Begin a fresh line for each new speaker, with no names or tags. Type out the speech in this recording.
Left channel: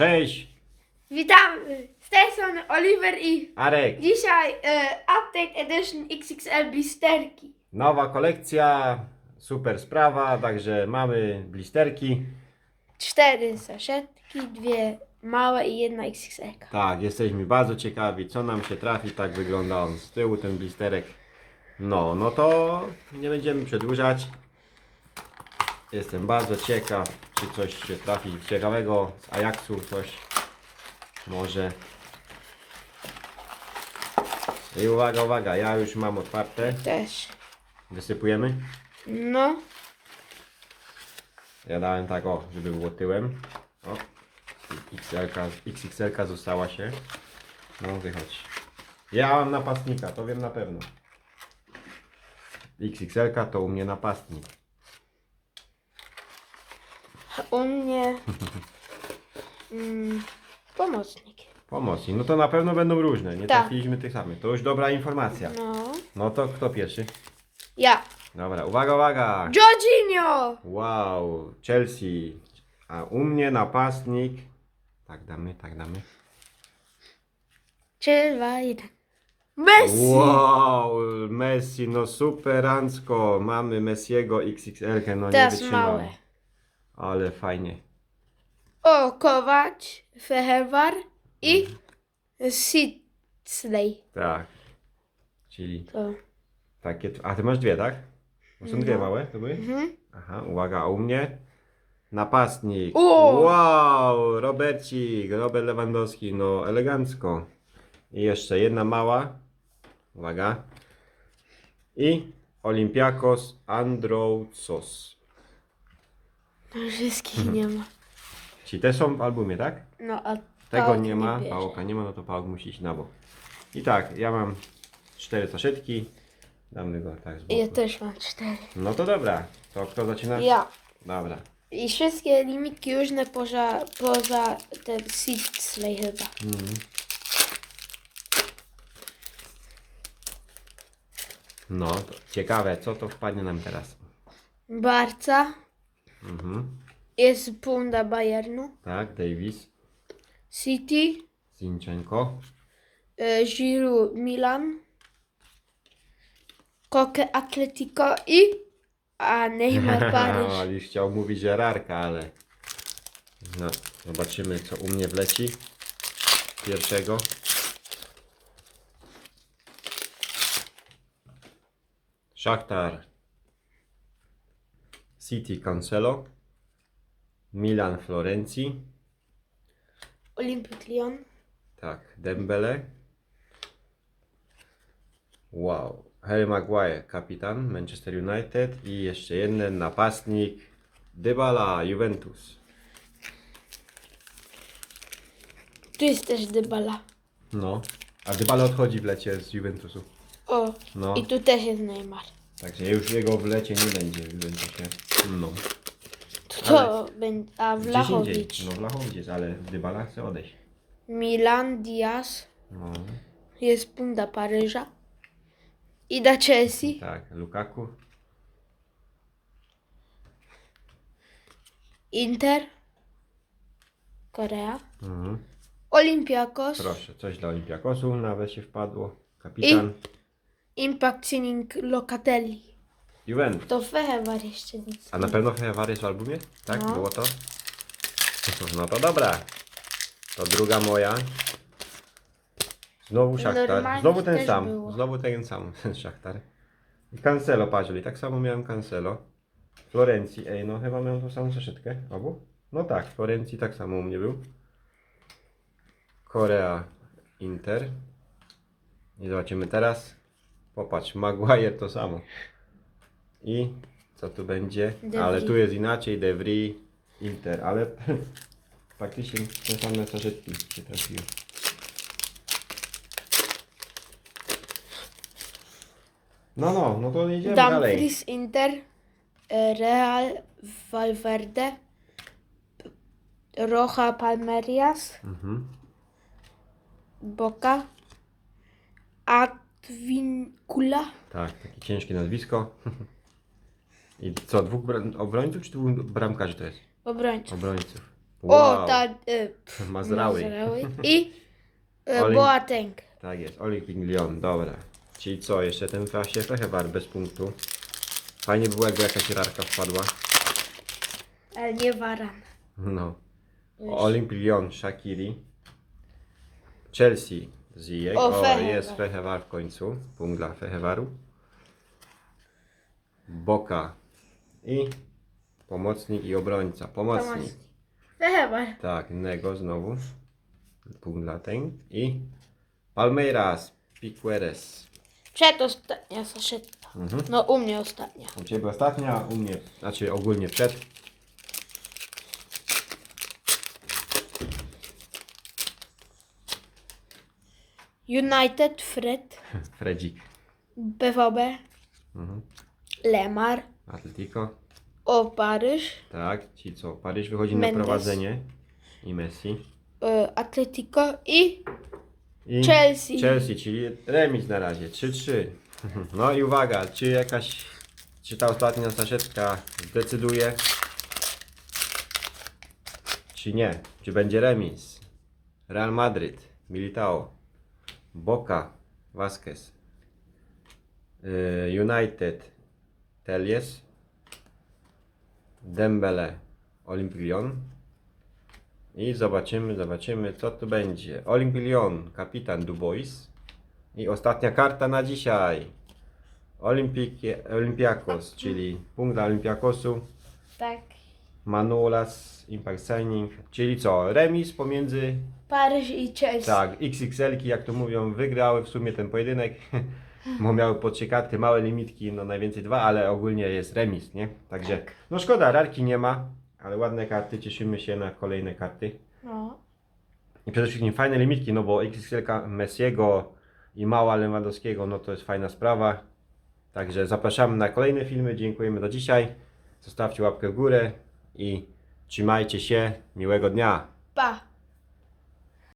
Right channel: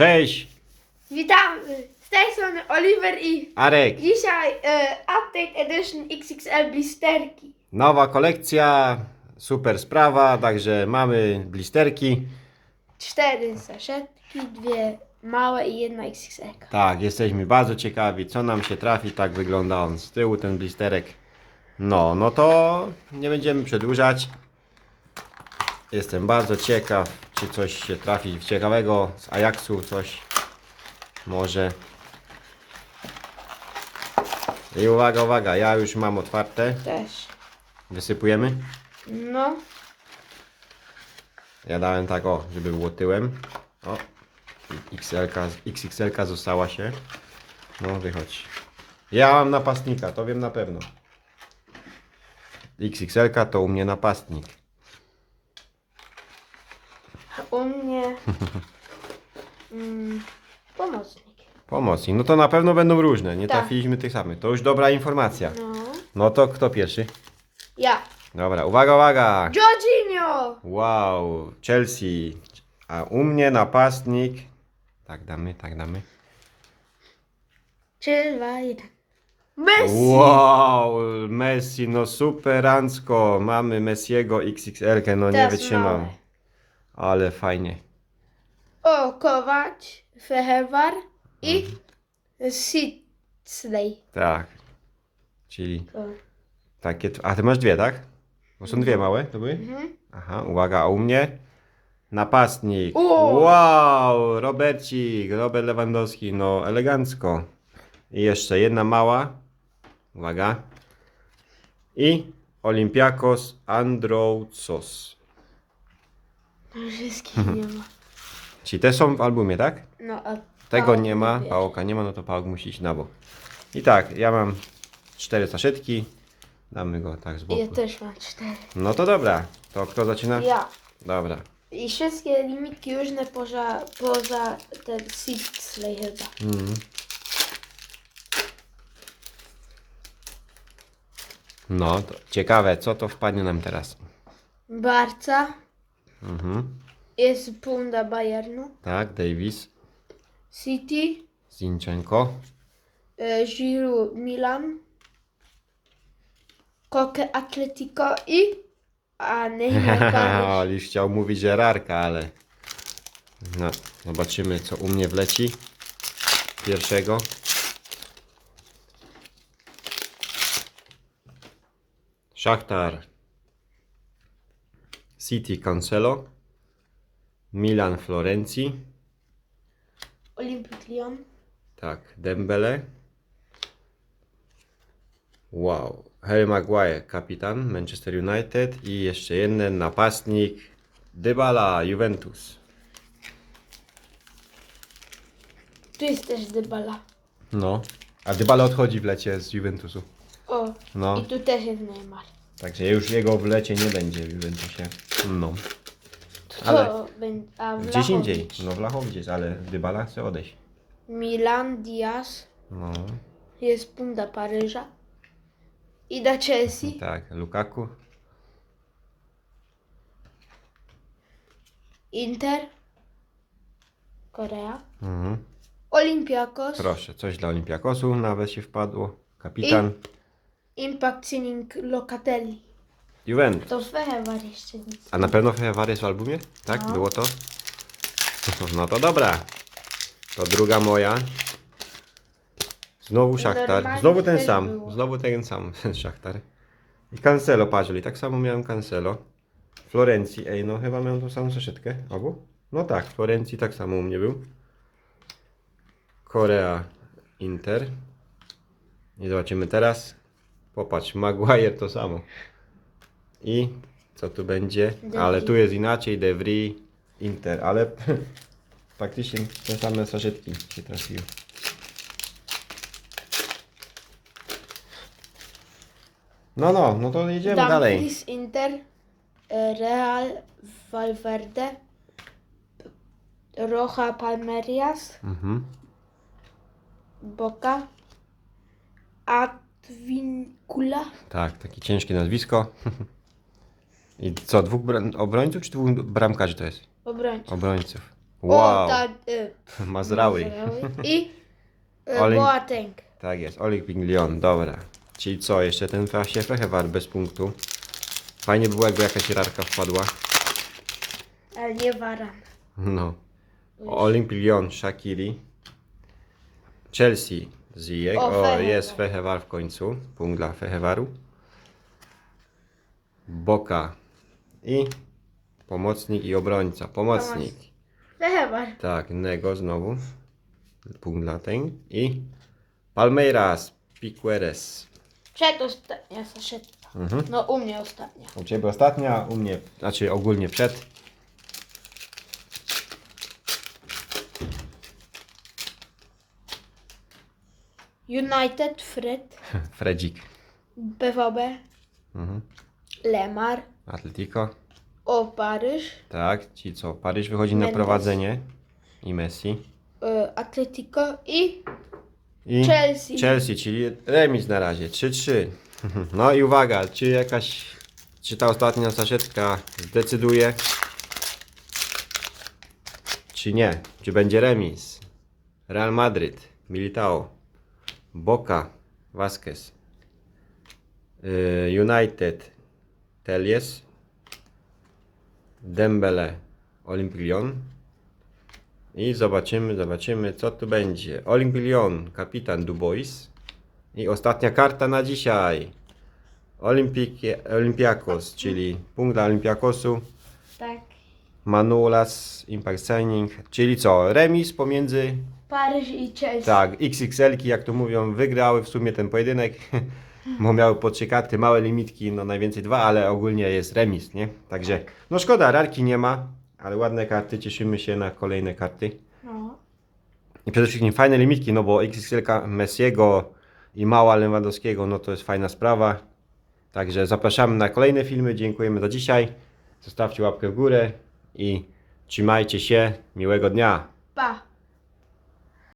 Cześć,
Witamy! Z tej strony Oliver i
Arek.
dzisiaj e, Update Edition XXL blisterki.
Nowa kolekcja, super sprawa, także mamy blisterki.
Cztery saszetki, dwie małe i jedna XXL.
Tak, jesteśmy bardzo ciekawi, co nam się trafi. Tak wygląda on z tyłu, ten blisterek. No, no to nie będziemy przedłużać. Jestem bardzo ciekaw, czy coś się trafi ciekawego z Ajaxu, coś może. I uwaga, uwaga, ja już mam otwarte.
Też.
Wysypujemy.
No,
Ja dałem tak o, żeby było tyłem. O, XL, XXL została się. No wychodź. Ja mam napastnika, to wiem na pewno. XXL to u mnie napastnik.
U mnie mm, pomocnik.
Pomocnik. No to na pewno będą różne. Nie
Tak.
trafiliśmy tych samych. To już dobra informacja.
No,
No to kto pierwszy?
ja.
Dobra, uwaga, uwaga.
Jorginho!
Wow, Chelsea. A u mnie napastnik. Tak damy, tak damy.
Jeden. Messi!
Wow, Messi, no superancko. Mamy Messiego XXL, no nie
Teraz małe.
Ale fajnie.
O, Kowacz, Fehewar i Sidsley.
Tak. Czyli
To.
takie. A ty masz dwie, tak? Bo są dwie małe, to były?
Mhm.
Aha, uwaga, a u mnie napastnik.
O!
Wow, Robercik, Robert Lewandowski, no elegancko. I jeszcze jedna mała. Uwaga. I Olympiakos Androutsos.
Wszystkich nie ma.
Czyli te są w albumie, tak?
No, a
Tego nie ma,
bierze.
pałoka nie ma, no to pałok musi iść na bok. I tak, ja mam cztery saszetki. Damy go tak z boku.
Ja też mam cztery.
No to dobra. To kto zaczyna?
Ja.
Dobra.
I wszystkie limitki różne poza, poza ten Sidsley chyba.
Mhm. No, to ciekawe, co to wpadnie nam teraz.
Barca.
Mhm.
Jest Punda Bayernu.
Tak, Davis,
City.
Zinchenko,
E, Giroud Milan. Koke Atletico i... A Neymar Paryż.
Oli chciał mówić Żerarka, ale... No, zobaczymy, co u mnie wleci. Pierwszego. Szachtar. City Cancelo. Milan Florencji.
Olympic Lyon.
Tak, Dembele. Wow. Harry Maguire, kapitan Manchester United i jeszcze jeden napastnik Dybala, Juventus.
Tu jest też Dybala.
No. A Dybala odchodzi w lecie z Juventusu.
O.
No.
I tu też jest Neymar.
Także już jego w lecie nie będzie w Juventusie. No.
To
Ale-
będzie... A
Gdzieś indziej. No w Lachowicz, ale Dybala chce odejść.
Milan Diaz.
No.
Jest Punda Paryża. I da Chelsea.
Tak, Lukaku.
Inter. Korea.
Mhm.
Olympiakos.
Proszę, coś dla Olimpiakosu nawet się wpadło. Kapitan.
Impact Signing Locatelli.
Juventus.
To Fehewar jeszcze nic.
A na pewno Fejavar jest w albumie? Tak?
No.
Było to? No to dobra. To druga moja. Znowu Szachtar.
Normalnie
Znowu ten
też
sam.
było.
Znowu ten sam ten Szachtar. I Cancelo, patrzyli. Tak samo miałem Cancelo. Florencji. Ej, no chyba miałem tą samą zeszytkę. Obu? No tak, Florencji tak samo u mnie był. Korea, Inter. I zobaczymy teraz. Popatrz, Maguire to samo. I co tu będzie? Ale tu jest inaczej, De Vrij, Inter, ale faktycznie te same saszetki się trafiły. No, no, no to jedziemy dalej.
Dumfries Inter. e, Real Valverde. Roja Palmerias.
Mhm.
Boca. Advincula.
Tak, takie ciężkie nazwisko. I co, dwóch bra- obrońców czy dwóch bramkarzy to jest?
Obrońców.
Obrońców. Wow,
O, ta... Y,
Mazraoui.
Mazraoui. I y, Boateng.
Tak jest, Olympique Lyon, dobra. Czyli co, jeszcze ten właśnie Fechewar bez punktu. Fajnie było, jakby jakaś rarka wpadła.
Ale nie Varan.
No. Olympique Lyon, Shakiri. Chelsea, Ziyech.
O,
jest Fechewar w końcu. Punkt dla Fechewaru. Boka i pomocnik i obrońca. Pomocnik.
Chyba.
Tak, Nego znowu. Punkt dla. I Palmeiras, Piqueres.
Przedostatnia saszetka.
Mhm.
No u mnie ostatnia.
U Ciebie ostatnia, u mnie, znaczy ogólnie przed.
United, Fred,
Fredzik.
BVB,
Mhm.
Lemar,
Atletico.
o Paryż,
Tak, ci co, Paryż wychodzi
Mendes.
na prowadzenie. I Messi.
y, Atletico i
I
Chelsea.
Chelsea, czyli remis na razie, 3-3. No i uwaga, czy jakaś, czy ta ostatnia saszetka zdecyduje, czy nie, czy będzie remis. Real Madrid, Militao, Boca, Vasquez, y, United, Telies, Dembele, Olympique Lyon, i zobaczymy, zobaczymy co tu będzie. Olympique Lyon, kapitan Dubois. I ostatnia karta na dzisiaj. Olympiakos, czyli punkt dla Olympiakosu.
Tak.
Manulas Impact Signing, czyli co? Remis pomiędzy,
Paryż i Chelsea.
tak, XXL-ki, jak to mówią, wygrały w sumie ten pojedynek. Bo miały po trzy karty, małe limitki, no najwięcej dwa, ale ogólnie jest remis, nie? Także, no szkoda, rarki nie ma, ale ładne karty, cieszymy się na kolejne karty.
No.
I przede wszystkim fajne limitki, no bo XXL Messiego i mała Lewandowskiego, no to jest fajna sprawa. Także zapraszamy na kolejne filmy. Dziękujemy za dzisiaj. Zostawcie łapkę w górę i trzymajcie się. Miłego dnia.
Pa.